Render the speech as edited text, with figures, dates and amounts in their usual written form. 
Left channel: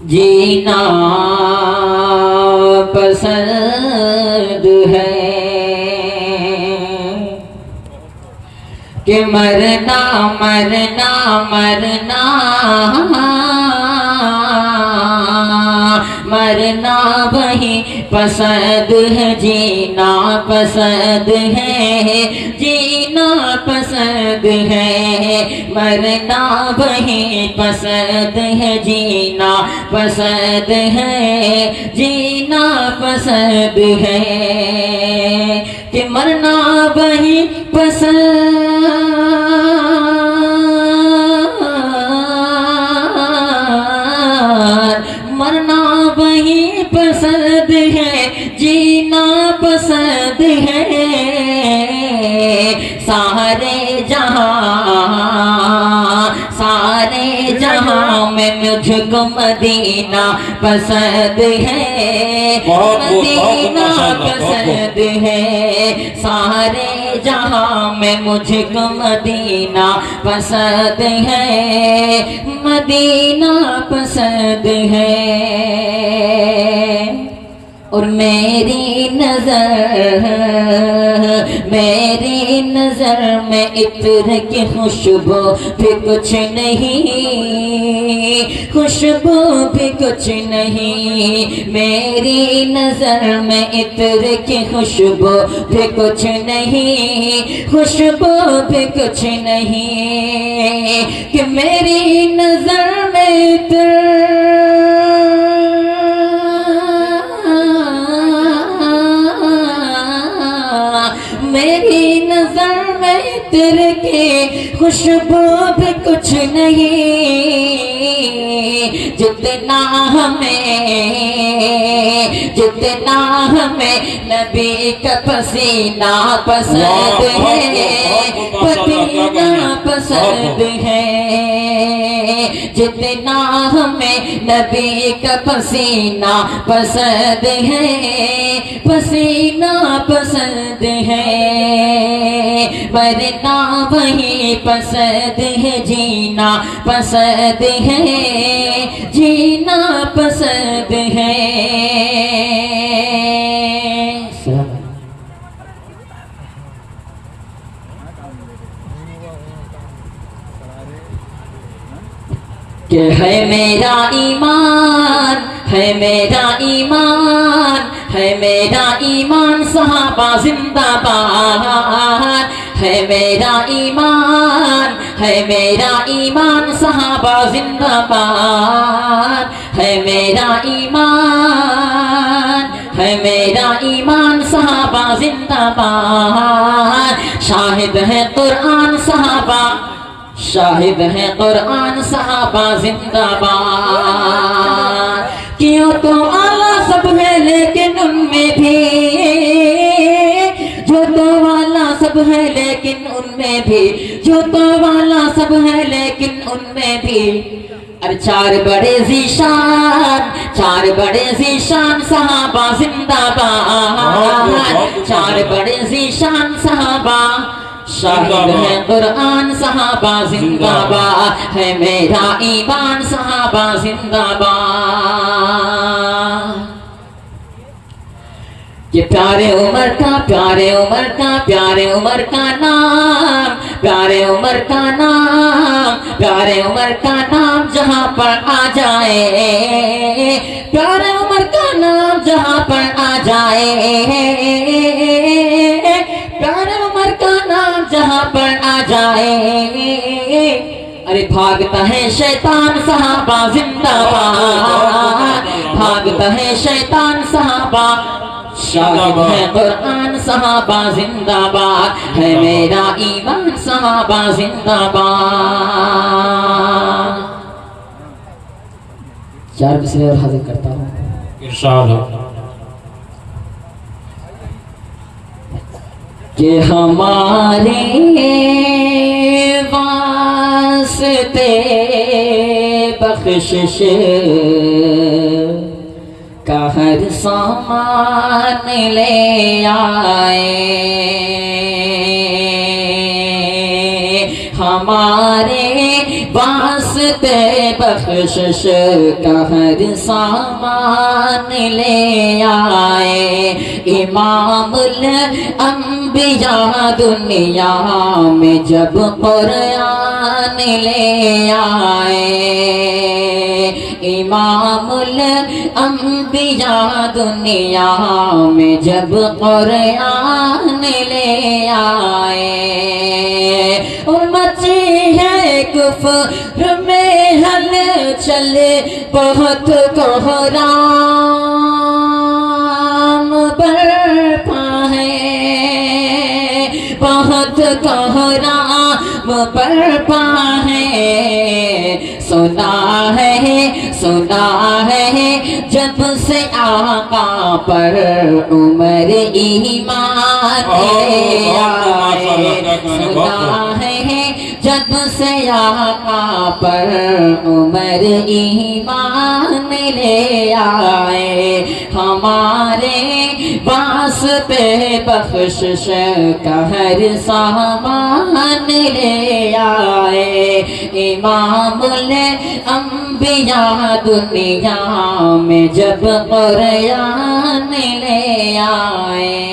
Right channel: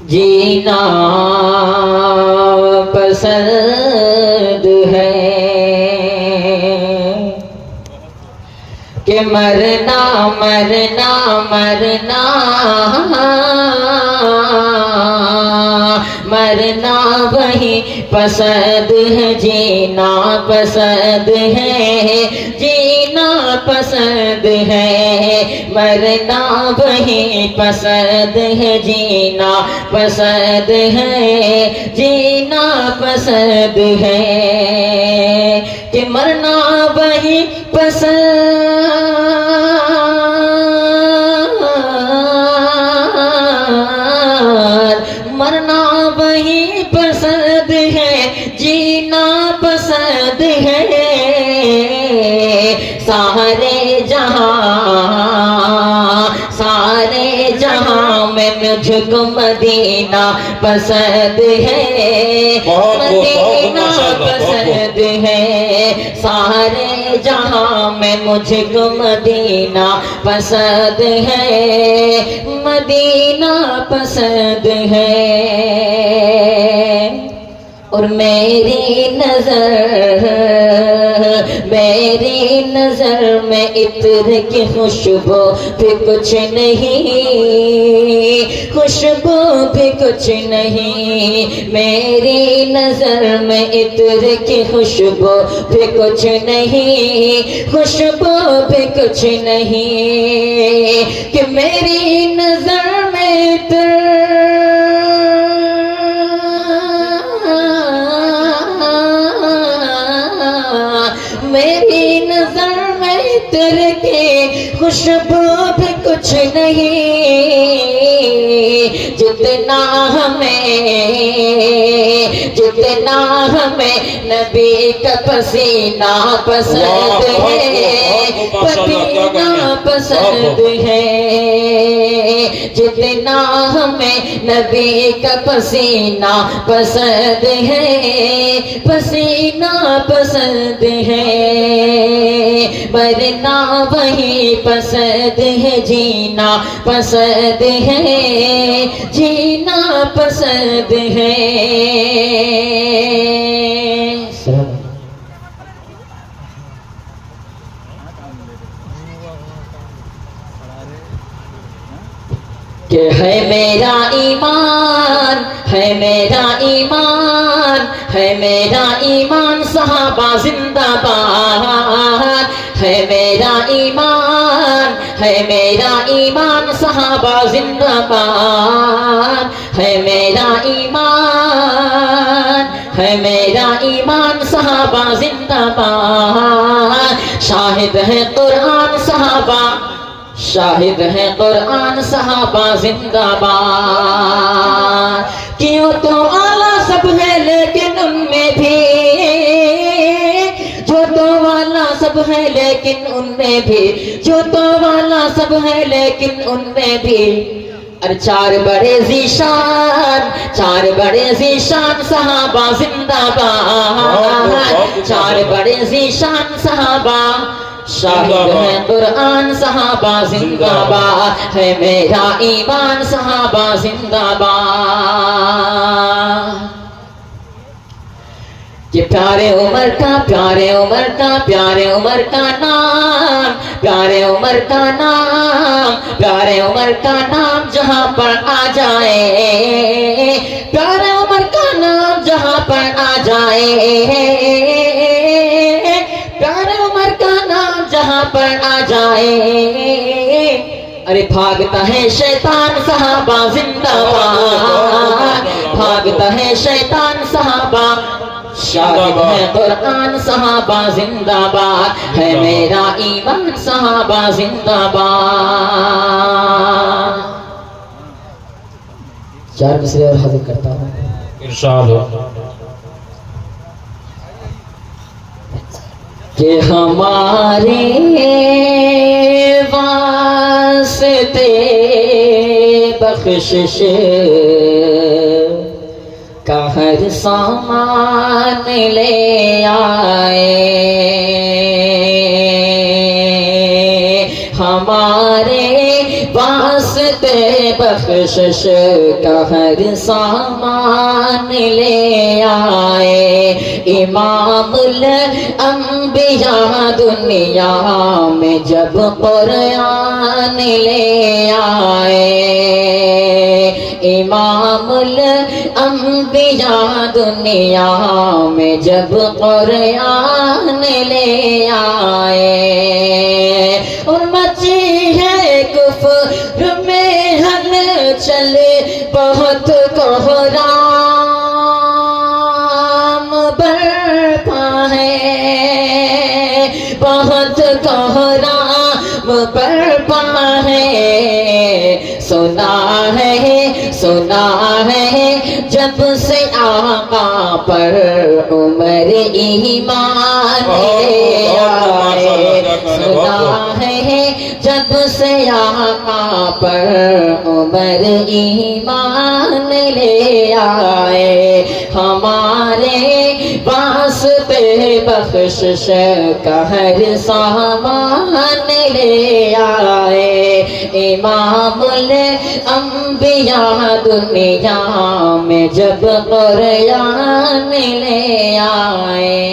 जीना पसंद है कि मरना मरना मरना मरना वही पसंद है, जीना पसंद है, जीना पसंद है, मरना वही पसंद है, जीना पसंद है, जीना पसंद है कि मरना वही पसंद पसंद है, जीना पसंद है, सारे जहां में मुझको मदीना पसंद है, मदीना पसंद है, सारे जहां में मुझको मदीना पसंद है, मदीना पसंद है। और मेरी नजर में इत्र की खुशबू भी कुछ नहीं, खुशबू भी कुछ नहीं, मेरी नजर में इत्र की खुशबू भी कुछ नहीं, खुशबू भी कुछ नहीं कि मेरी नजर में इत्र मेरी नजर में तेरे की खुशबू भी कुछ नहीं, जितना हमें नबी का पसीना पसंद है, पसीना पसंद है, जितना हमें नबी का पसीना पसंद है, पसीना पसंद है, मरना वही पसंद है, जीना पसंद है, जीना पसंद है। कि है मेरा ईमान, है मेरा ईमान, है मेरा ईमान, सहाबा जिंदाबाद, है मेरा ईमान, है मेरा ईमान, सहाबा जिंदाबाद, है मेरा ईमान, है मेरा ईमान, सहाबा जिंदाबाद, शाहिद है कुरान सहाबा, शाहिद है कुरान सहाबा जिंदाबाद, क्यों तो आला सब है लेकिन उनमें भी, जो तो वाला सब है लेकिन उनमें भी, जो तो वाला सब है लेकिन उनमें भी, अरे चार बड़े ज़ीशान, चार बड़े ज़ीशान सहाबा जिंदाबाद, चार बड़े ज़ीशान सहाबा, शाहिद है कुरान सहाबा जिंदाबाद, है मेरा ईमान सहाबा जिंदाबाद। ये प्यारे उमर का, प्यारे उमर का, प्यारे उमर का नाम, प्यारे उमर का नाम, प्यारे उमर का नाम जहाँ पर आ जाए, प्यारे उमर का नाम जहाँ पर आ जाए, प्यारे उमर का नाम जहाँ पर आ जाए, अरे भागता है शैतान सहाबा जिंदाबाद, भागता है शैतान सहाबा, शाहिद है कुरान सहाबा जिंदाबाद, है मेरा ईमान सहाबा जिंदाबाद। चार मिसरे और हाजिर करता हूँ इरशाद हो कि हमारे वास्ते बख्शिश का हर सामान ले आए, हमारे वास्ते बख्शिश का हर सामान ले आए। इमामुल अंबिया दुनिया में जब कुरान ले आए। इमामुल अंबिया दुनिया में जब कुरान ले आए। और मची है कुफ्र में हलचल बहुत कोहराम बरपा है, बहुत कोहराम बरपा है। सुना है जब से आका पर उमर ईमान ले आए। सुना है जब से आका पर उमर ईमान ले आए। हमारे वास्ते बख्शिश का हर सामान ले आए। इमामुल अंबिया दुनिया में जब कुरान ले आए।